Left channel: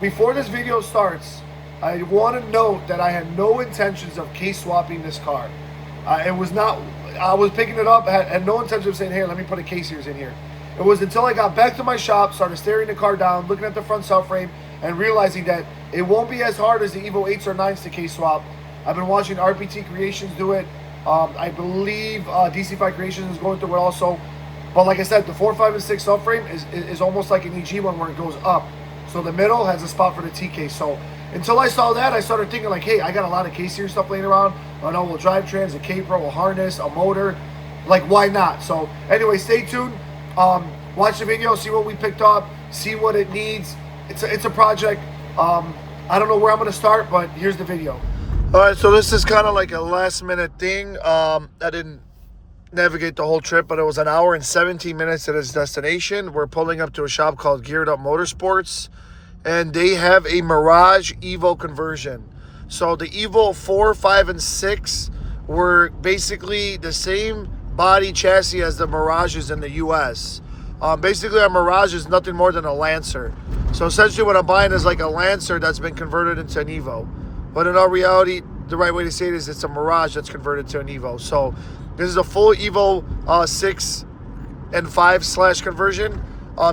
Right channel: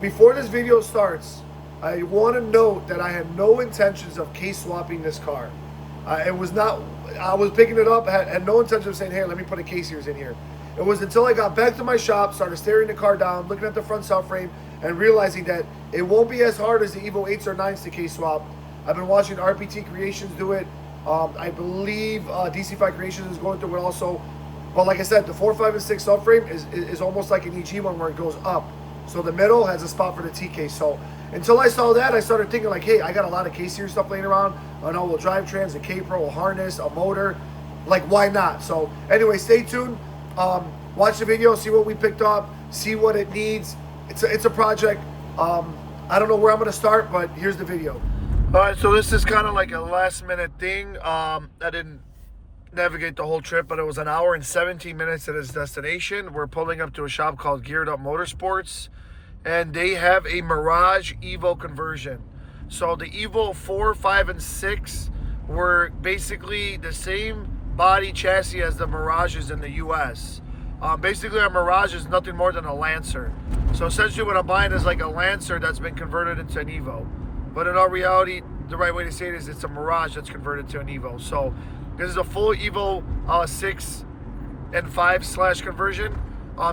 Before this video starts, I want to note that I had no intentions of case swapping this car. It was not, I was picking it up, had no intention of saying, hey, let me put a case here in here. It was until I got back to my shop, started staring the car down, looking at the front subframe, and realizing that it won't be as hard as the Evo 8s or 9s to case swap. I've been watching RPT Creations do it. I believe DC5 Creations is going through it also. But like I said, the 4, 5, and 6 subframe is almost like an EG one where it goes up. So the middle has a spot for the T case. So until I saw that, I started thinking like, hey, I got a lot of case series stuff laying around. An all-wheel drive trans, a K-Pro, a harness, a motor. Like, why not? So anyway, stay tuned. Watch the video, see what we picked up, see what it needs. It's a project. I don't know where I'm going to start, but here's the video. All right, so this is kind of like a last-minute thing. I didn't navigate the whole trip, but it was an hour and 17 minutes to its destination. We're pulling up to a shop called Geared Up Motorsports, and they have a Mirage Evo conversion. So the Evo 4, 5, and 6 were basically the same body chassis as the Mirages in the US. Basically, a Mirage is nothing more than a Lancer. So essentially what I'm buying is like a Lancer that's been converted into an Evo. But in all reality, the right way to say it is it's a Mirage that's converted to an Evo. So this is a full Evo 6 and 5 / conversion,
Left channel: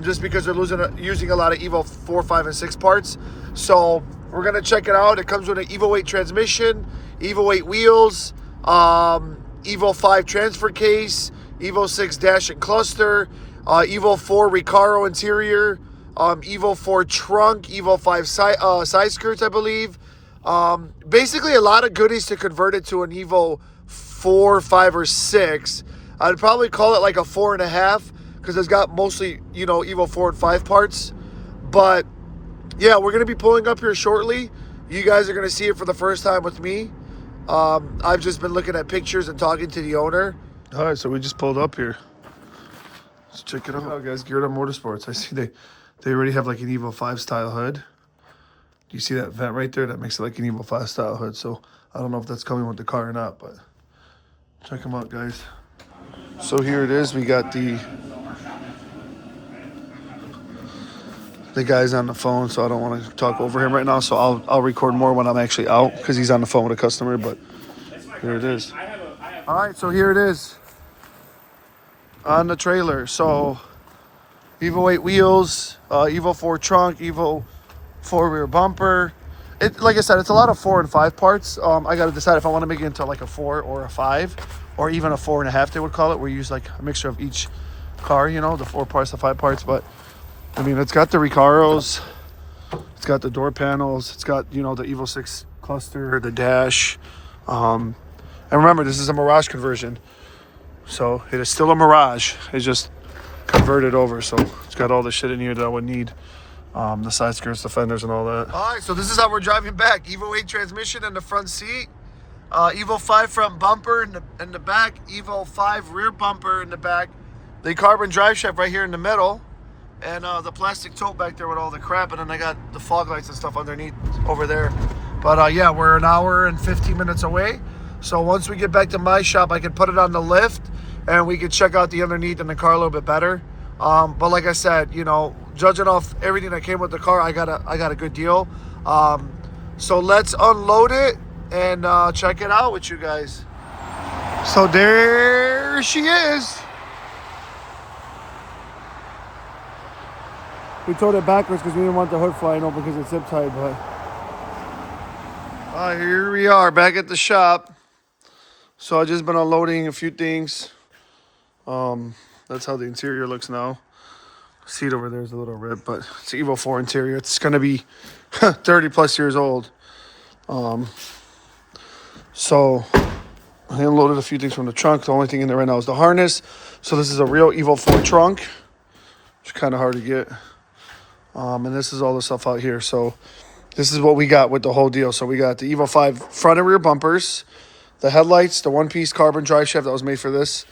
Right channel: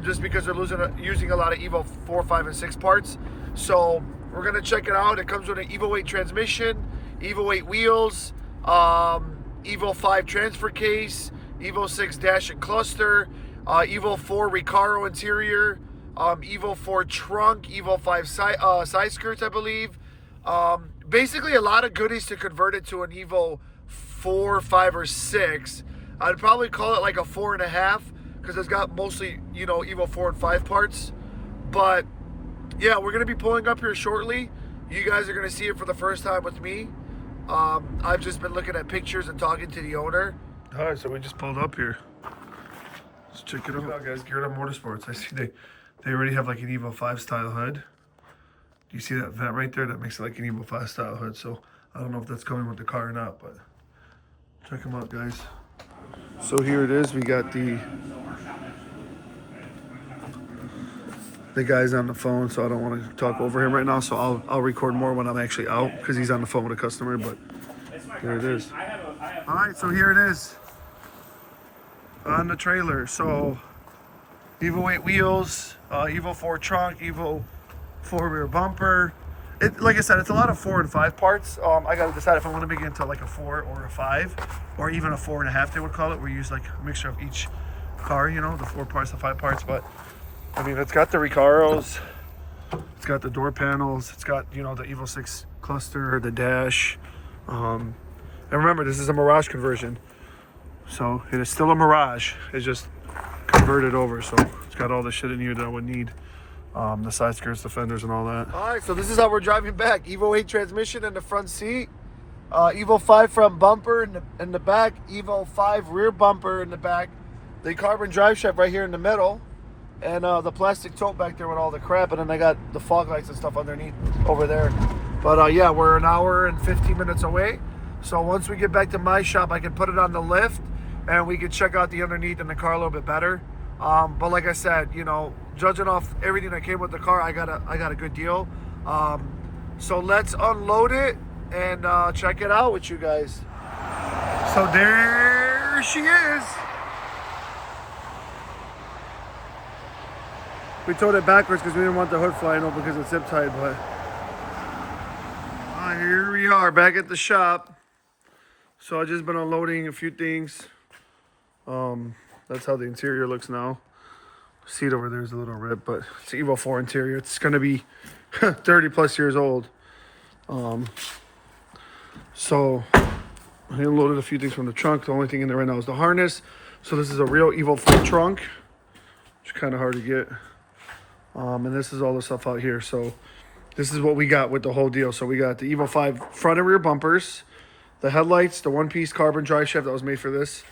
just because they're using a lot of Evo 4, 5, and 6 parts. So we're going to check it out. It comes with an Evo 8 transmission, Evo 8 wheels, Evo 5 transfer case, Evo 6 dash and cluster, Evo 4 Recaro interior, Evo 4 trunk, Evo 5 side skirts, I believe. Basically a lot of goodies to convert it to an Evo 4, 5, or 6. I'd probably call it like a 4.5 because it's got mostly, you know, Evo 4 and 5 parts. But yeah, we're going to be pulling up here shortly. You guys are going to see it for the first time with me. I've just been looking at pictures and talking to the owner. All right, so we just pulled up here. Let's check it out, guys. Geared Up Motorsports. I see they already have like an Evo 5 style hood. Do you see that vent right there? That makes it like an Evo 5 style hood. So I don't know if that's coming with the car or not, but check them out, guys. So here it is. We got the guy's on the phone, so I don't want to talk over him right now. So I'll record more when I'm actually out because he's on the phone with a customer. But here it is. All right, so here it is on the trailer. So Evo 8 wheels, Evo 4 trunk, Evo 4 rear bumper. Like I said, it's a lot of 4 and 5 parts. I got to decide if I want to make it into like a 4 or a 5, or even a 4.5, they would call it. We use like a mixture of each car, you know, the 4 parts, the 5 parts. But I mean, it's got the Recaros, it's got the door panels, it's got, you know, the Evo 6 cluster, the dash. And remember, this is a Mirage conversion. So it is still a Mirage. It's just converted over. So it's got all the shit in here that I would need. The side skirts, the fenders, and all that. All right, so this is how we're driving back. Evo 8 transmission in the front seat. Evo 5 front bumper in the back. Evo 5 rear bumper in the back. The carbon drive shaft right here in the middle. And the plastic tote back there with all the crap. And then I got the fog lights and stuff underneath over there. But yeah, we're an hour and 15 minutes away. So once we get back to my shop, I can put it on the lift. And we can check out the underneath in the car a little bit better. But like I said, you know, judging off everything that came with the car, I got a good deal. So let's unload it and check it out with you guys. So there she is. We towed it backwards because we didn't want the hood flying open because it's zip tied. But here we are back at the shop. So I just been unloading a few things. That's how the interior looks now. Seat over there is a little ripped, but it's Evo 4 interior. It's gonna be 30 plus years old. So I unloaded a few things from the trunk. The only thing in there right now is the harness. So this is a real Evo 4 trunk. It's kind of hard to get. And this is all the stuff out here. So this is what we got with the whole deal. So we got the Evo 5 front and rear bumpers, the headlights, the one-piece carbon drive shaft that was made for this,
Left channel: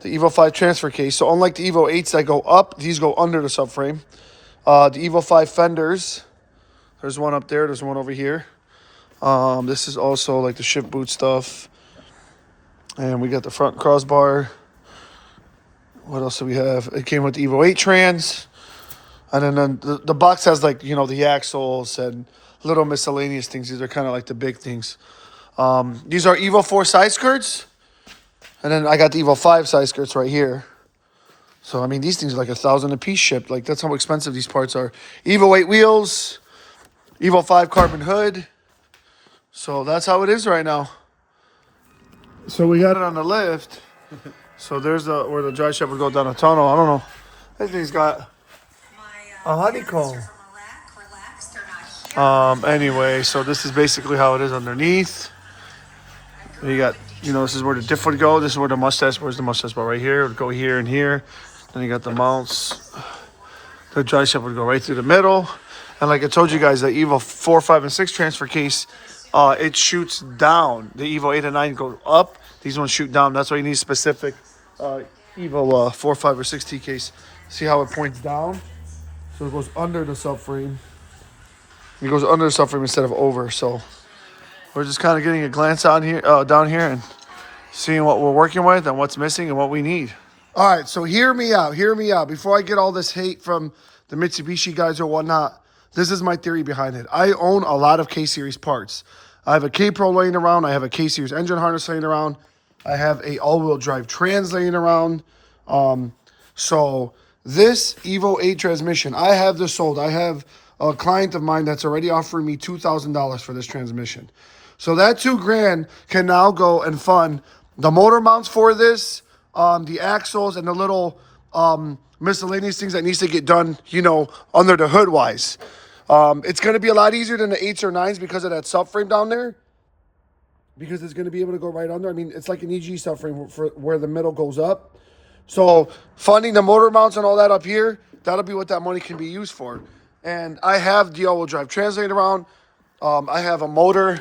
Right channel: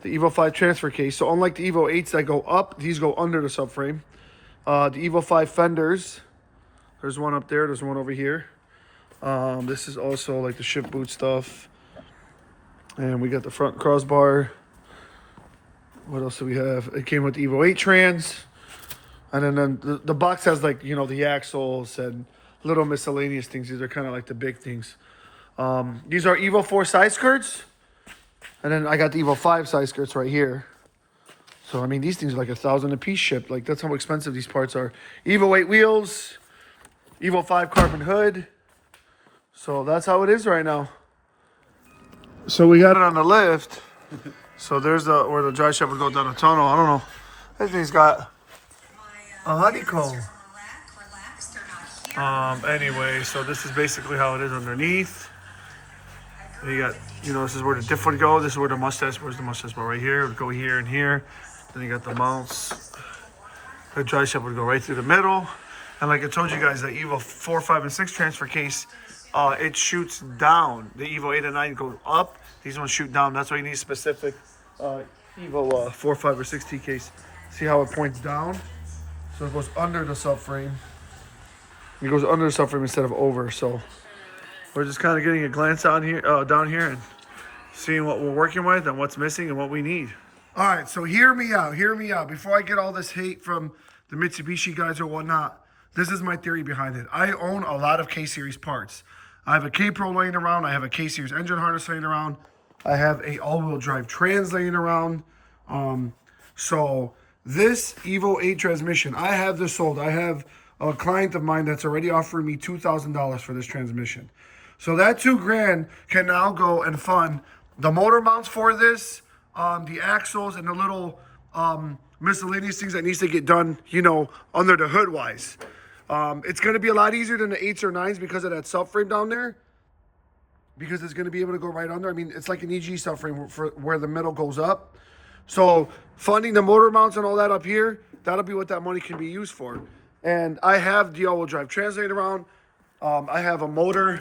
the Evo 5 transfer case. So unlike the Evo 8s that go up, these go under the subframe. The Evo 5 fenders. There's one up there. There's one over here. This is also like the ship boot stuff. And we got the front crossbar. What else do we have? It came with the Evo 8 trans. And then the box has like, you know, the axles and little miscellaneous things. These are kind of like the big things. These are Evo 4 side skirts. And then I got the Evo 5 side skirts right here. So, I mean, these things are like $1,000 a piece shipped. Like, that's how expensive these parts are. Evo 8 wheels. Evo 5 carbon hood. So, that's how it is right now. So, we got it on the lift. So, there's where the dry shaft would go down the tunnel. I don't know. This thing's got a honeycomb. Anyway, so this is basically how it is underneath. You got, you know, this is where the diff would go. This is where the mustache, where's the mustache bar? Right here. It would go here and here. Then you got the mounts. The dry shaft would go right through the middle. And like I told you guys, the Evo 4, 5, and 6 transfer case, it shoots down. The Evo 8 and 9 go up. These ones shoot down. That's why you need specific Evo 4, 5, or 6 T case. See how it points down? So it goes under the subframe. It goes under the subframe instead of over. So we're just kind of getting a glance out here, down here, and seeing what we're working with and what's missing and what we need. All right, so hear me out. Hear me out. Before I get all this hate from the Mitsubishi guys or whatnot, this is my theory behind it. I own a lot of K-Series parts. I have a K-Pro laying around. I have a K-Series engine harness laying around. I have a all-wheel drive trans laying around. So this Evo 8 transmission, I have this sold. I have a client of mine that's already offering me $2,000 for this transmission. So that $2,000 can now go and fund the motor mounts for this, the axles, and the little miscellaneous things that needs to get done, you know, under the hood wise. It's going to be a lot easier than the 8s or 9s because of that subframe down there. Because it's going to be able to go right under. I mean, it's like an EG subframe for where the middle goes up. So funding the motor mounts and all that up here, that'll be what that money can be used for. And I have the all-wheel drive translator around. I have a motor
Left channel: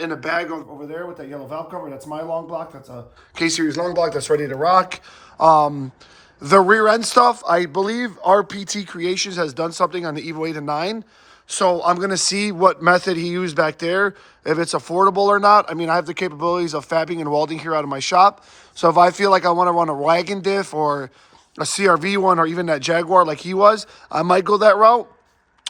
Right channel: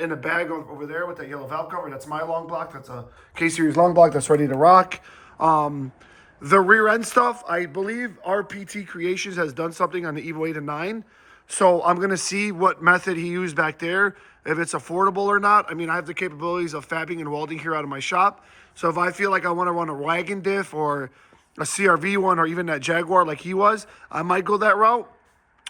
in a bag over there with that yellow valve cover. That's my long block. That's a K-Series long block that's ready to rock. The rear end stuff, I believe RPT Creations has done something on the Evo 8 and 9. So I'm going to see what method he used back there, if it's affordable or not. I mean, I have the capabilities of fabbing and welding here out of my shop. So if I feel like I want to run a wagon diff or a CRV one or even that Jaguar like he was, I might go that route.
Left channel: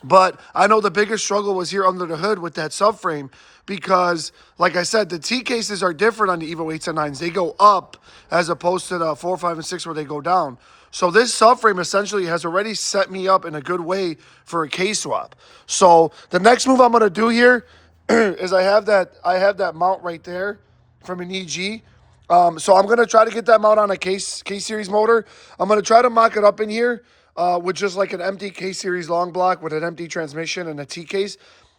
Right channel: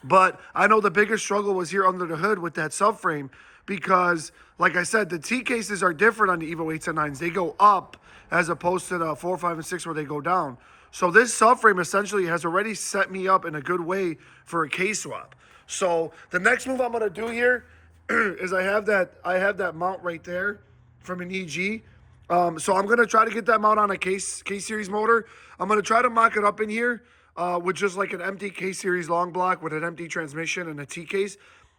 But I know the biggest struggle was here under the hood with that subframe because, like I said, the T cases are different on the Evo 8s and 9s. They go up as opposed to the 4, 5, and 6 where they go down. So this subframe essentially has already set me up in a good way for a K-swap. So the next move I'm going to do here is I have that mount right there from an EG. So I'm going to try to get that mount on a K-Series motor. I'm going to try to mock it up in here with just like an empty K-Series long block with an empty transmission and a T-case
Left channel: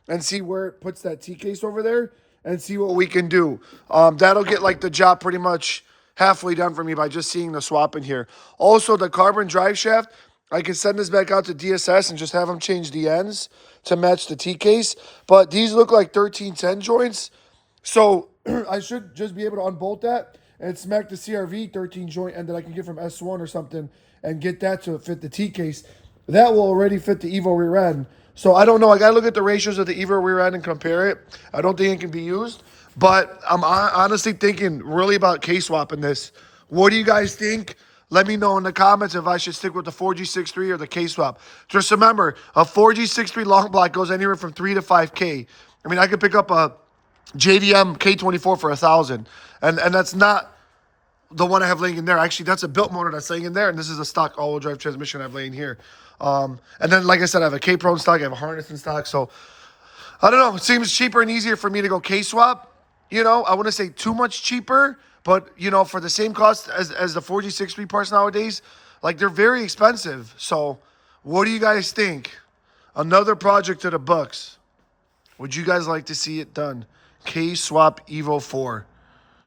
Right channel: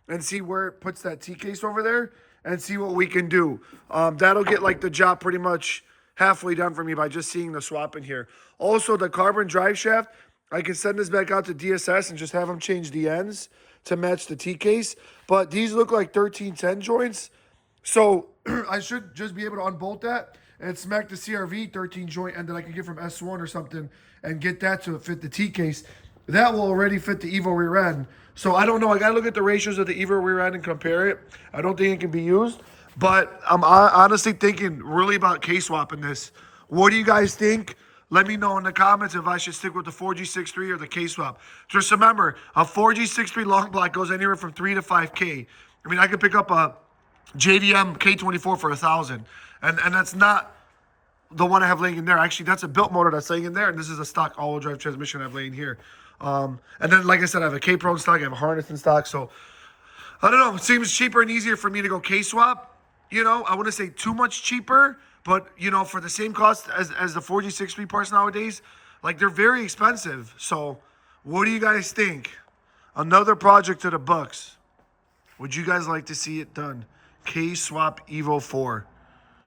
and see where it puts that T-case over there and see what we can do. That'll get like the job pretty much halfway done for me by just seeing the swap in here. Also, the carbon drive shaft, I can send this back out to DSS and just have them change the ends to match the T-case. But these look like 1310 joints. So I should just be able to unbolt that and smack the CRV 13 joint end that I can get from S1 or something and get that to fit the T-case. That will already fit the Evo rear end. So I don't know. I got to look at the ratios of the Evo rear end and compare it. I don't think it can be used. But I'm honestly thinking really about K-swapping this. What do you guys think? Let me know in the comments if I should stick with the 4G63 or the K-swap. Just remember, a 4G63 long block goes anywhere from 3 to 5K. I mean, I could pick up a JDM K24 for $1,000. And that's not the one I have laying in there. Actually, that's a built motor that's laying in there. And this is a stock all-wheel drive transmission I have laying here. And then, like I said, I have a K-Pro in stock. I have a harness in stock. So, I don't know. It seems cheaper and easier for me to go K-swap. You know, I wouldn't say too much cheaper. But, you know, for the same cost as the 4G63 parts nowadays, like, they're very expensive. So, what do you guys think? Another project to the books. Would you guys like to see it done? K-Swap Evo 4.